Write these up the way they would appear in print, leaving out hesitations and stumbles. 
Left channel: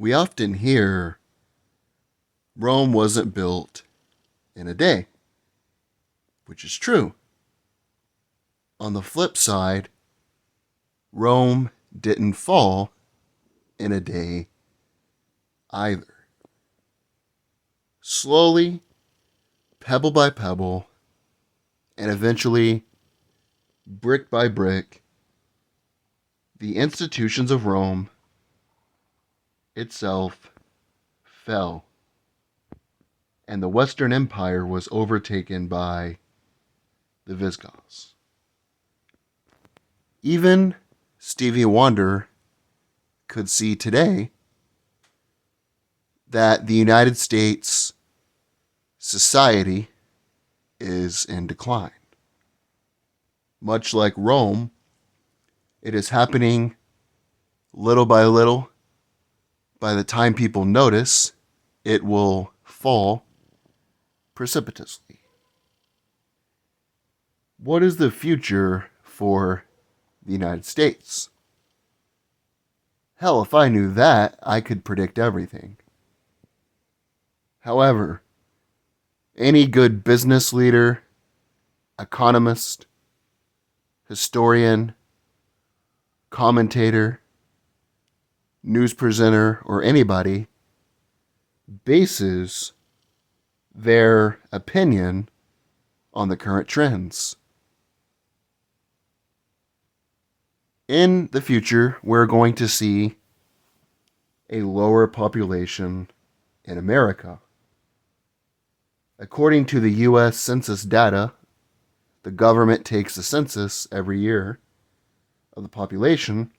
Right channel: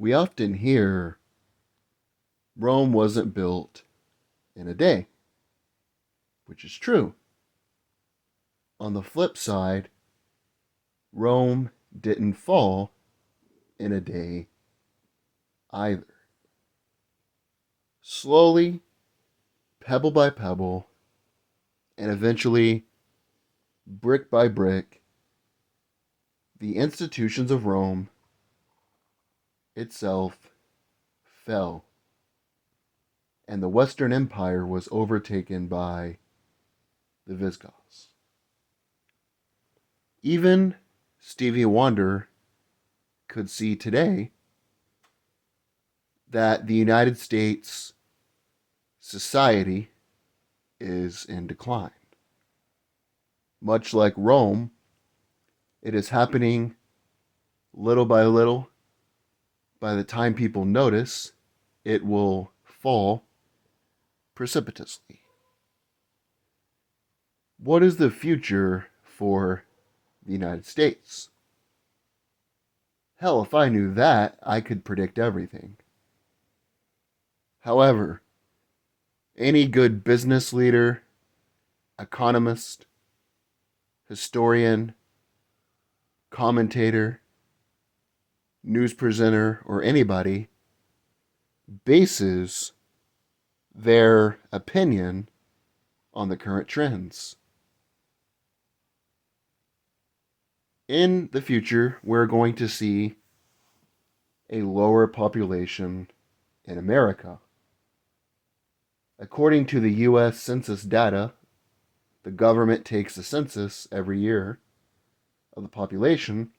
We often hear Rome wasn't built in a day, which is true. On the flip side, Rome didn't fall in a day either. Slowly, pebble by pebble, and eventually, brick by brick, the institutions of Rome itself fell, and the Western Empire was overtaken by the Visigoths. Even Stevie Wonder could see today that the United States society is in decline. Much like Rome, it is happening little by little. By the time people notice, it will fall precipitously. What is the future for the United States? Hell, if I knew that, I could predict everything. However, any good business leader, economist, historian, commentator, news presenter, or anybody bases their opinion on the current trends. In the future, we're going to see a lower population in America. According to the U.S. Census data, the government takes a census every year of the population.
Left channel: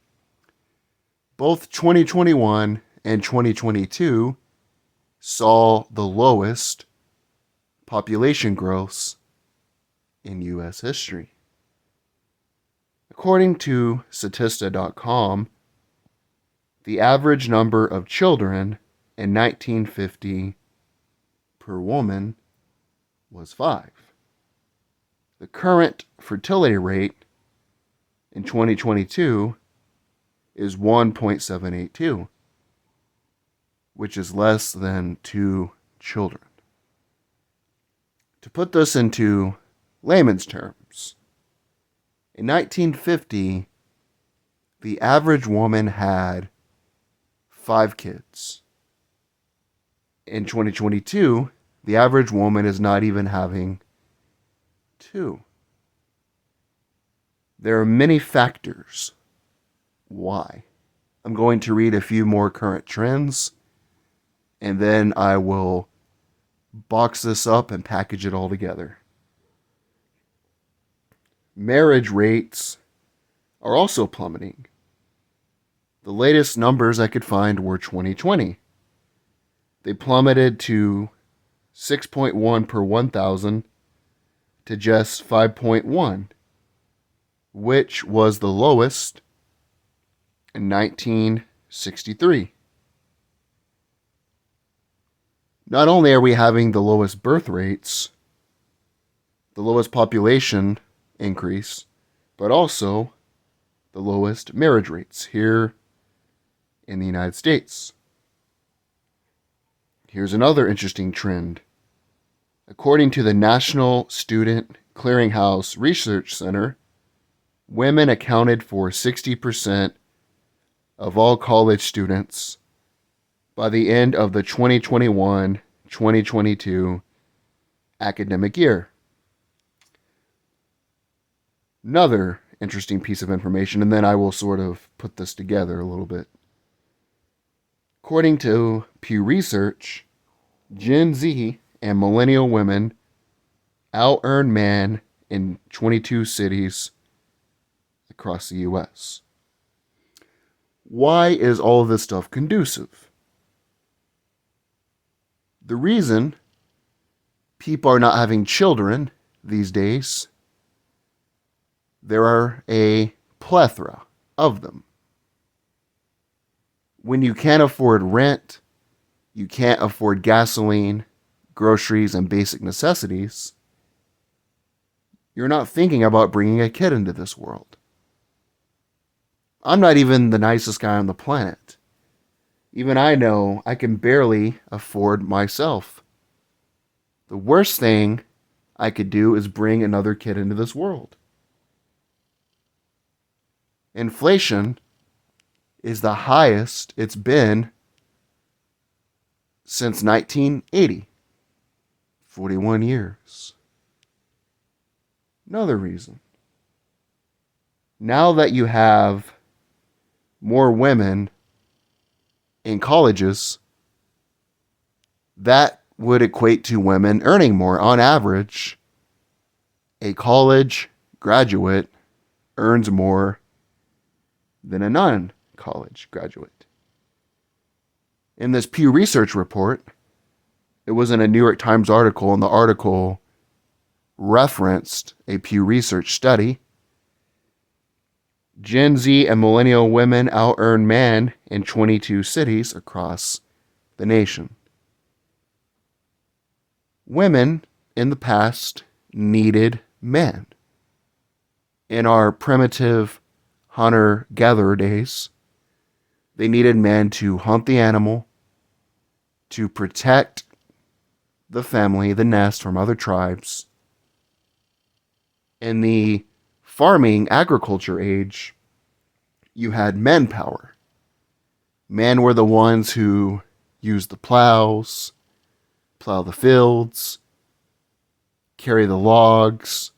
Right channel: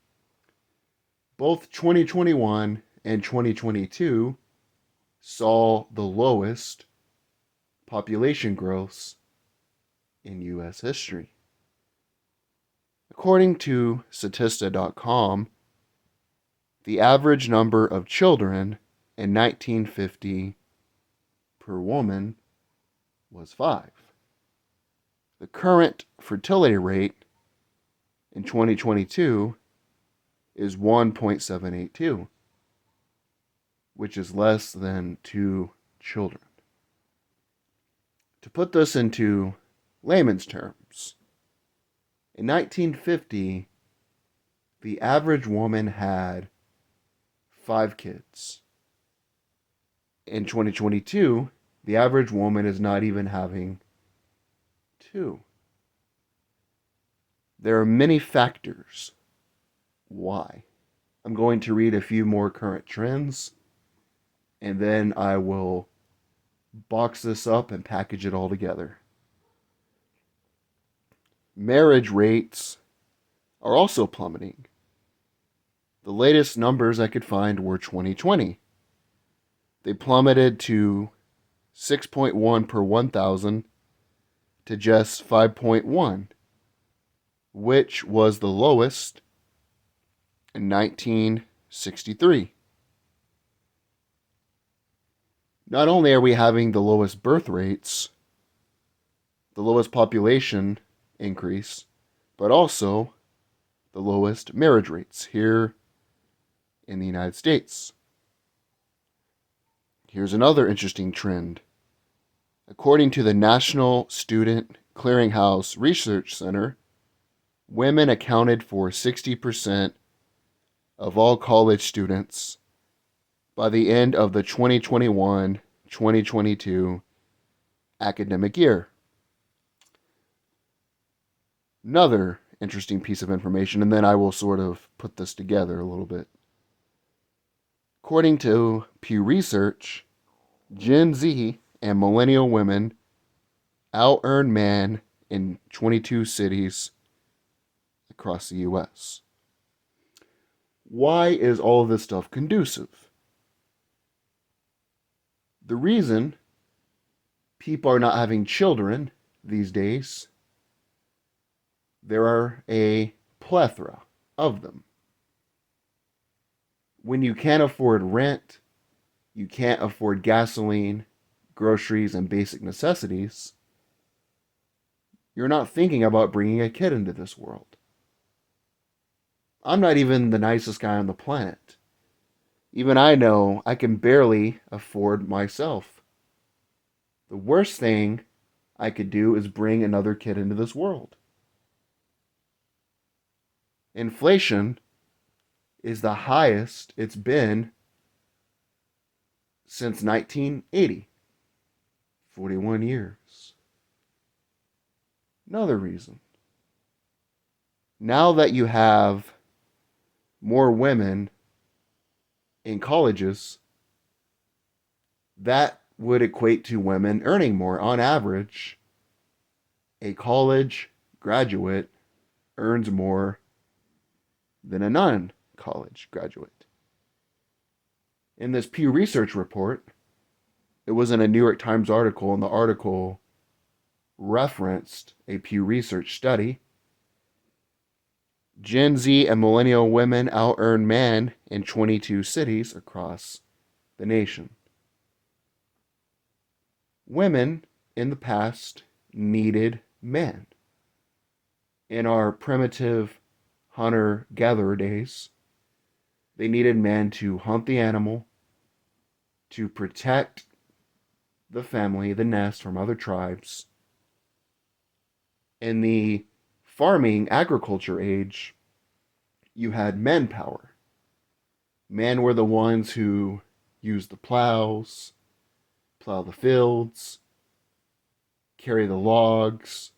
Both 2021 and 2022 saw the lowest population growths in U.S. history. According to Statista.com, the average number of children in 1950 per woman was 5. The current fertility rate in 2022 is 1.782, which is less than 2 children. To put this into layman's terms, in 1950, the average woman had 5 kids. In 2022, the average woman is not even having 2. There are many factors why. I'm going to read a few more current trends, and then I will box this up and package it all together. Marriage rates are also plummeting. The latest numbers I could find were 2020. They plummeted to 6.1 per 1,000 to just 5.1, which was the lowest in 1963. Not only are we having the lowest birth rates, the lowest population increase, but also the lowest marriage rates here in the United States. Here's another interesting trend. According to the National Student Clearinghouse Research Center, women accounted for 60% of all college students by the end of the 2021-2022 academic year. Another interesting piece of information, and then I will sort of put this together a little bit. According to Pew Research, Gen Z and millennial women out-earn men in 22 cities across the U.S. Why is all of this stuff conducive? The reason people are not having children these days, there are a plethora of them. When you can't afford rent, you can't afford gasoline, groceries, and basic necessities, you're not thinking about bringing a kid into this world. I'm not even the nicest guy on the planet. Even I know I can barely afford myself. The worst thing I could do is bring another kid into this world. Inflation is the highest it's been since 1980. 41 years. Another reason. Now that you have more women in colleges, that would equate to women earning more. On average, a college graduate earns more than a non college graduate. In this Pew Research report, it was in a New York Times article, and the article referenced a Pew Research study. Gen Z and millennial women out-earn men in 22 cities across the nation. Women in the past needed men. In our primitive hunter-gatherer days, they needed men to hunt the animal, to protect the family, the nest from other tribes. In the farming agriculture age, you had men power. Men were the ones who used the plows, plow the fields, carry the logs,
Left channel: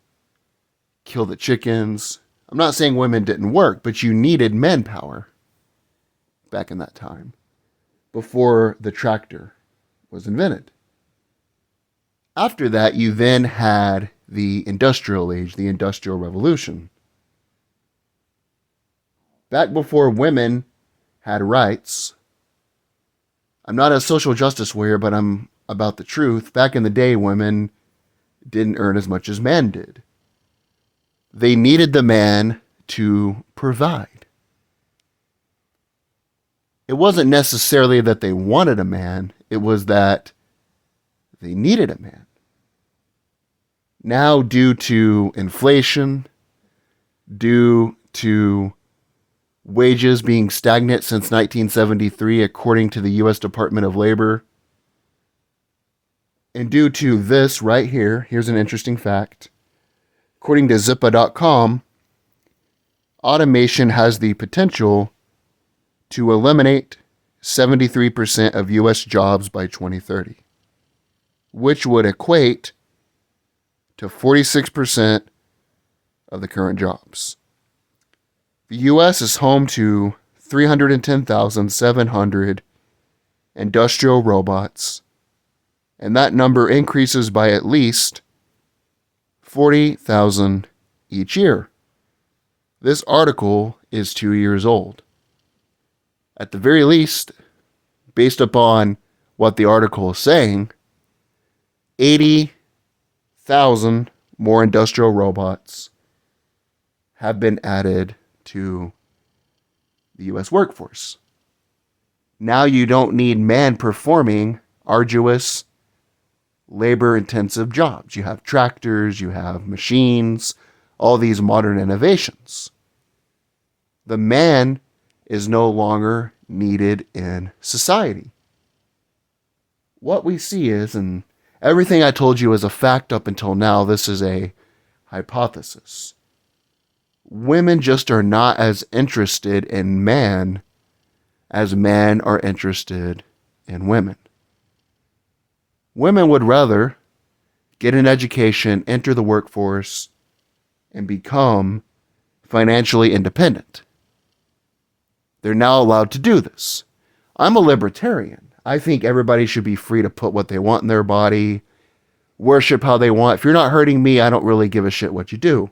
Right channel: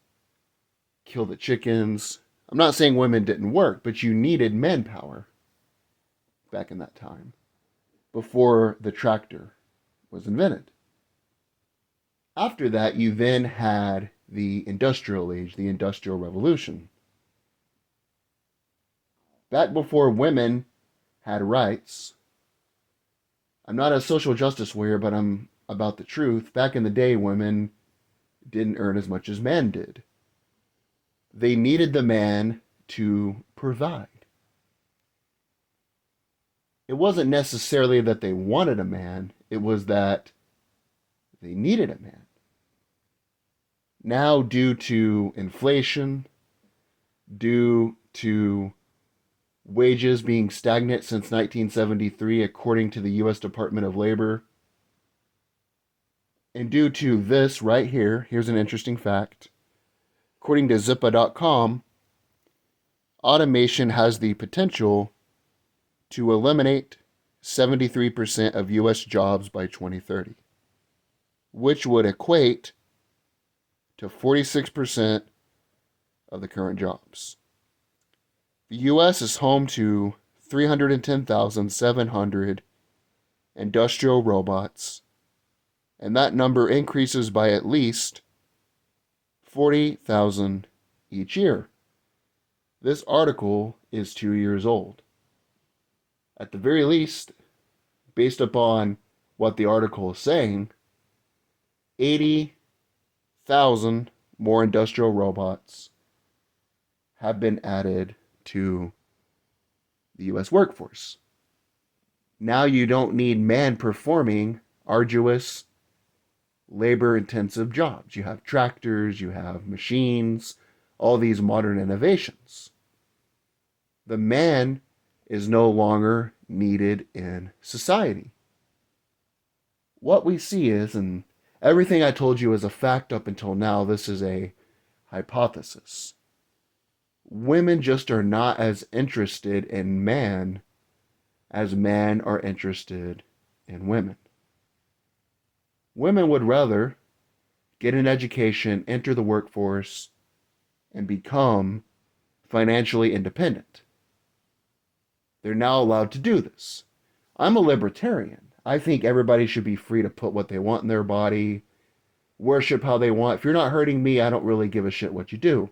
kill the chickens. I'm not saying women didn't work, but you needed men power back in that time before the tractor was invented. After that, you then had the industrial age, the industrial revolution. Back before women had rights, I'm not a social justice warrior, but I'm about the truth. Back in the day, women didn't earn as much as men did. They needed the man to provide. It wasn't necessarily that they wanted a man, it was that they needed a man. Now, due to inflation, due to wages being stagnant since 1973, according to the U.S. Department of Labor, and due to this right here, here's an interesting fact. According to Zippa.com, automation has the potential to eliminate 73% of U.S. jobs by 2030, which would equate to 46% of the current jobs. The U.S. is home to 310,700 industrial robots, and that number increases by at least 40,000 each year. This article is 2 years old. At the very least, based upon what the article is saying, 80,000 more industrial robots have been added to the U.S. workforce. Now you don't need men performing arduous, labor-intensive jobs. You have tractors, you have machines, all these modern innovations. The man is no longer needed in society. What we see is, and everything I told you is a fact up until now, this is a hypothesis. Women just are not as interested in men as men are interested in women. Women would rather get an education, enter the workforce, and become financially independent. They're now allowed to do this. I'm a libertarian. I think everybody should be free to put what they want in their body, worship how they want. If you're not hurting me, I don't really give a shit what you do.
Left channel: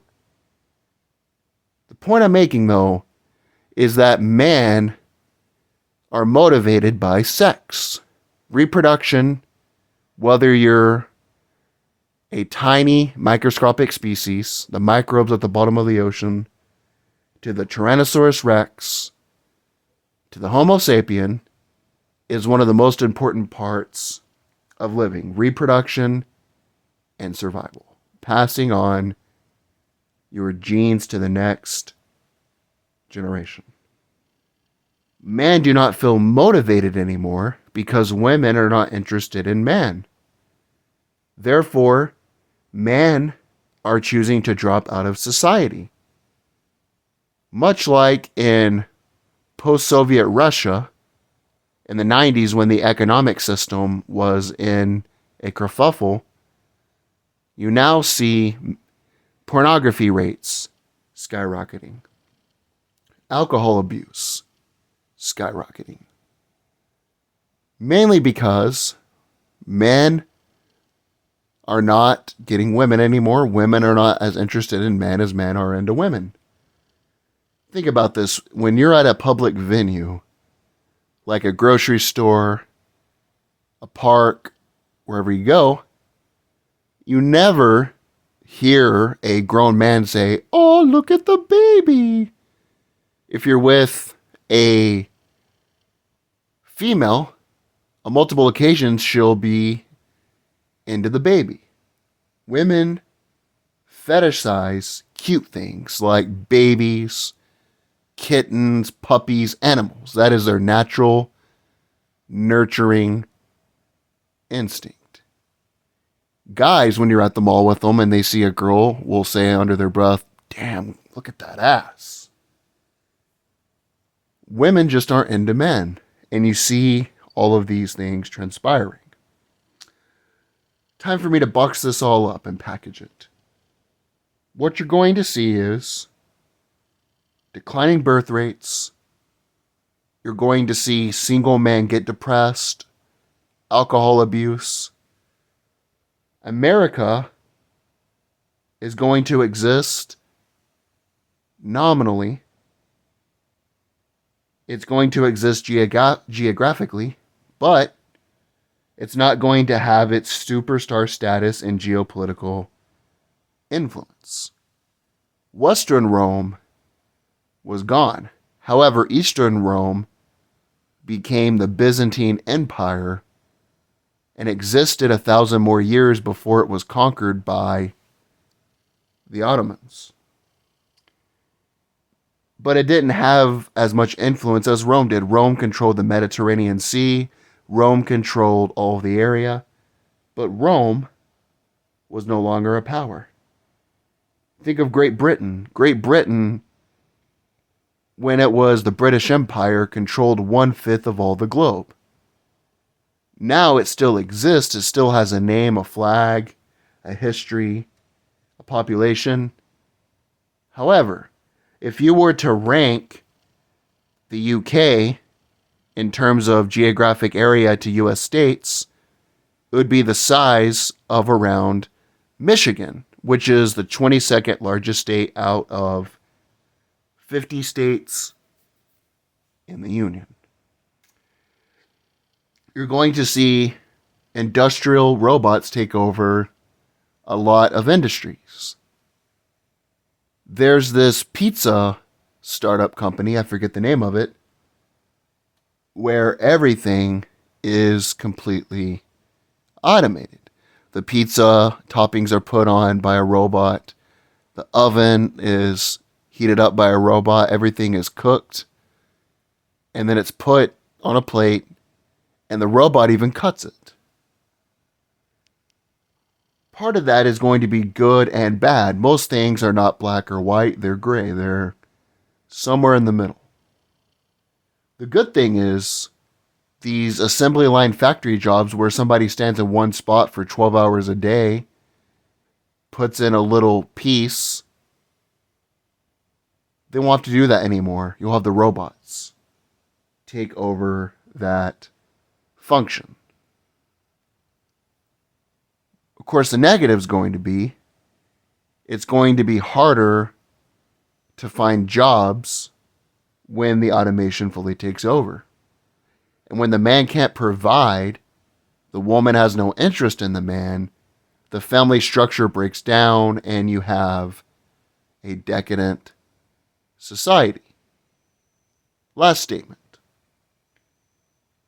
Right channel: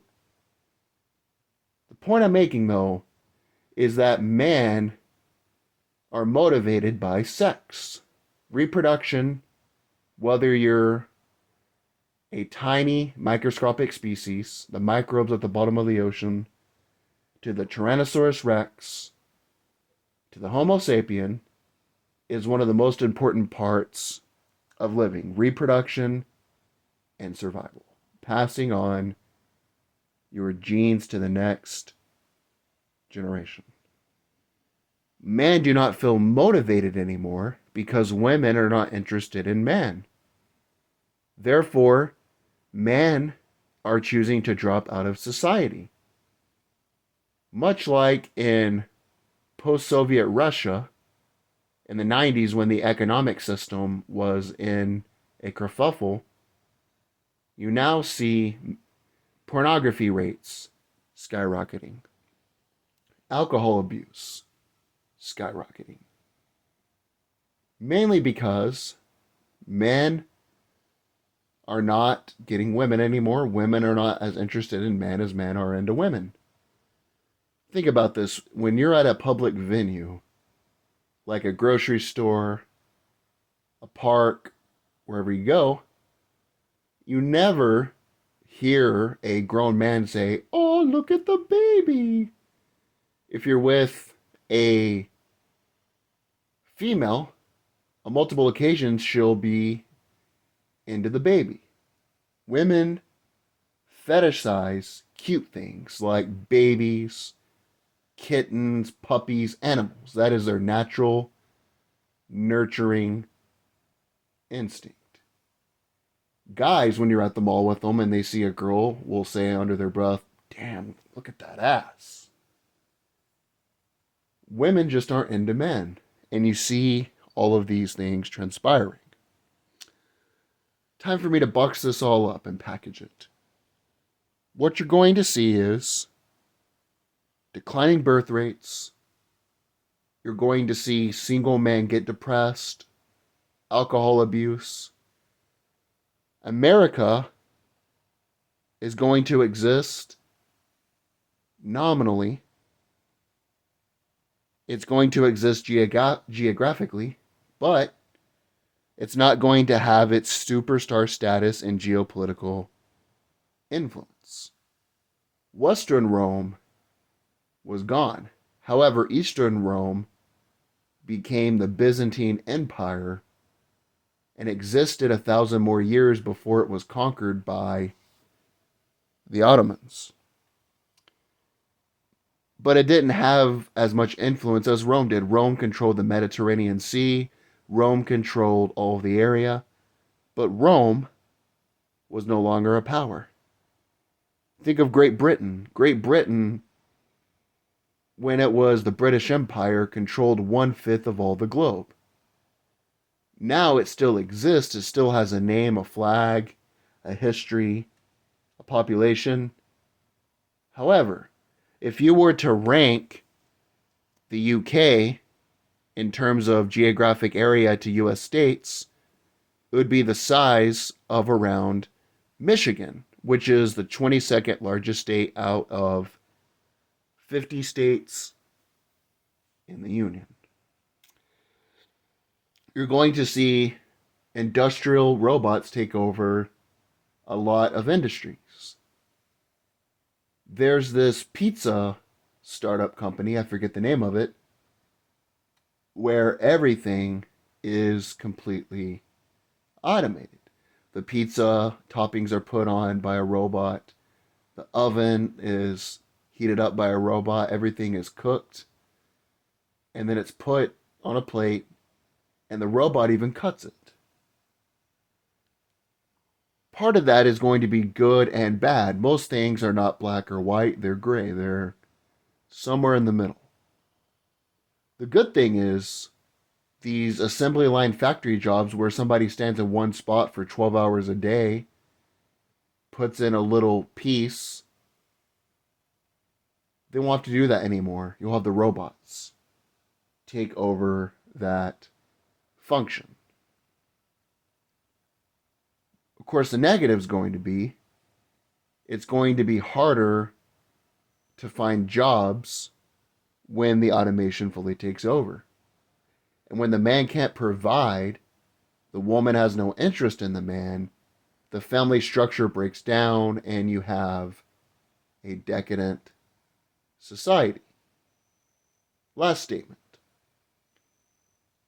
The point I'm making, though, is that men are motivated by sex, reproduction, whether you're a tiny microscopic species, the microbes at the bottom of the ocean, to the Tyrannosaurus rex, to the Homo sapien, is one of the most important parts of living. Reproduction and survival. Passing on your genes to the next generation. Men do not feel motivated anymore because women are not interested in men. Therefore, men are choosing to drop out of society. Much like in post Soviet Russia in the 90s when the economic system was in a kerfuffle, you now see pornography rates skyrocketing, alcohol abuse skyrocketing. Mainly because men are not getting women anymore. Women are not as interested in men as men are into women. Think about this. When you're at a public venue, like a grocery store, a park, wherever you go, you never hear a grown man say, "Oh, look at the baby." If you're with a female, on multiple occasions, she'll be into the baby. Women fetishize cute things like babies, kittens, puppies, animals. That is their natural, nurturing instinct. Guys, when you're at the mall with them and they see a girl, will say under their breath, "Damn, look at that ass." Women just aren't into men. And you see all of these things transpiring. Time for me to box this all up and package it. What you're going to see is declining birth rates. You're going to see single men get depressed, alcohol abuse. America is going to exist nominally. It's going to exist geographically, but it's not going to have its superstar status and geopolitical influence. Western Rome was gone. However, Eastern Rome became the Byzantine Empire and existed 1,000 more years before it was conquered by the Ottomans. But it didn't have as much influence as Rome did. Rome controlled the Mediterranean Sea. Rome controlled all of the area. But Rome was no longer a power. Think of Great Britain. Great Britain, when it was the British Empire, controlled 1/5 of all the globe. Now it still exists. It still has a name, a flag, a history, a population. However, if you were to rank the UK in terms of geographic area to US states, it would be the size of around Michigan, which is the 22nd largest state out of 50 states in the Union. You're going to see industrial robots take over a lot of industries. There's this pizza startup company, I forget the name of it, where everything is completely automated. The pizza toppings are put on by a robot. The oven is heated up by a robot. Everything is cooked. And then it's put on a plate, and the robot even cuts it. Part of that is going to be good and bad. Most things are not black or white, they're gray. They're somewhere in the middle. The good thing is these assembly line factory jobs where somebody stands in one spot for 12 hours a day, puts in a little piece, they won't have to do that anymore. You'll have the robots take over that function. Of course, the negative is going to be it's going to be harder to find jobs when the automation fully takes over. And when the man can't provide, the woman has no interest in the man, the family structure breaks down, and you have a decadent society. Last statement.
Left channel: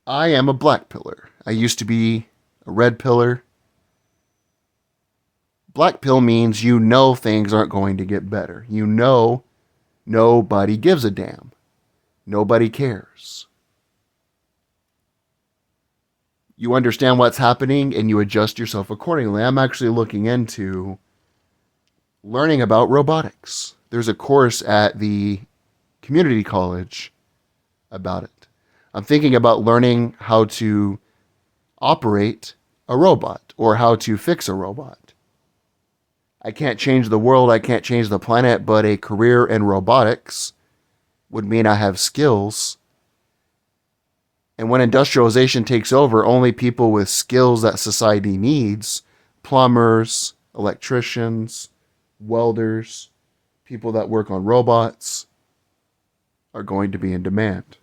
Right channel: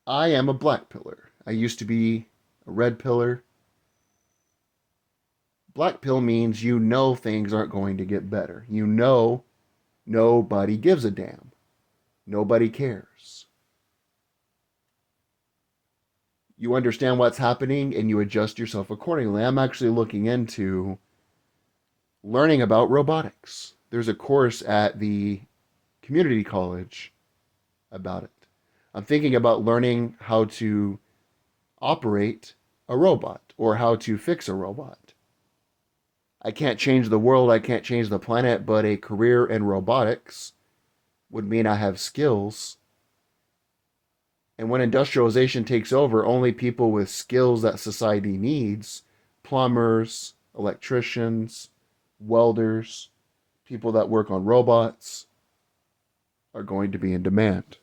I am a black pillar. I used to be a red pillar. Black pill means you know things aren't going to get better. You know nobody gives a damn. Nobody cares. You understand what's happening and you adjust yourself accordingly. I'm actually looking into learning about robotics. There's a course at the community college about it. I'm thinking about learning how to operate a robot or how to fix a robot. I can't change the world, I can't change the planet, but a career in robotics would mean I have skills. And when industrialization takes over, only people with skills that society needs, plumbers, electricians, welders, people that work on robots, are going to be in demand.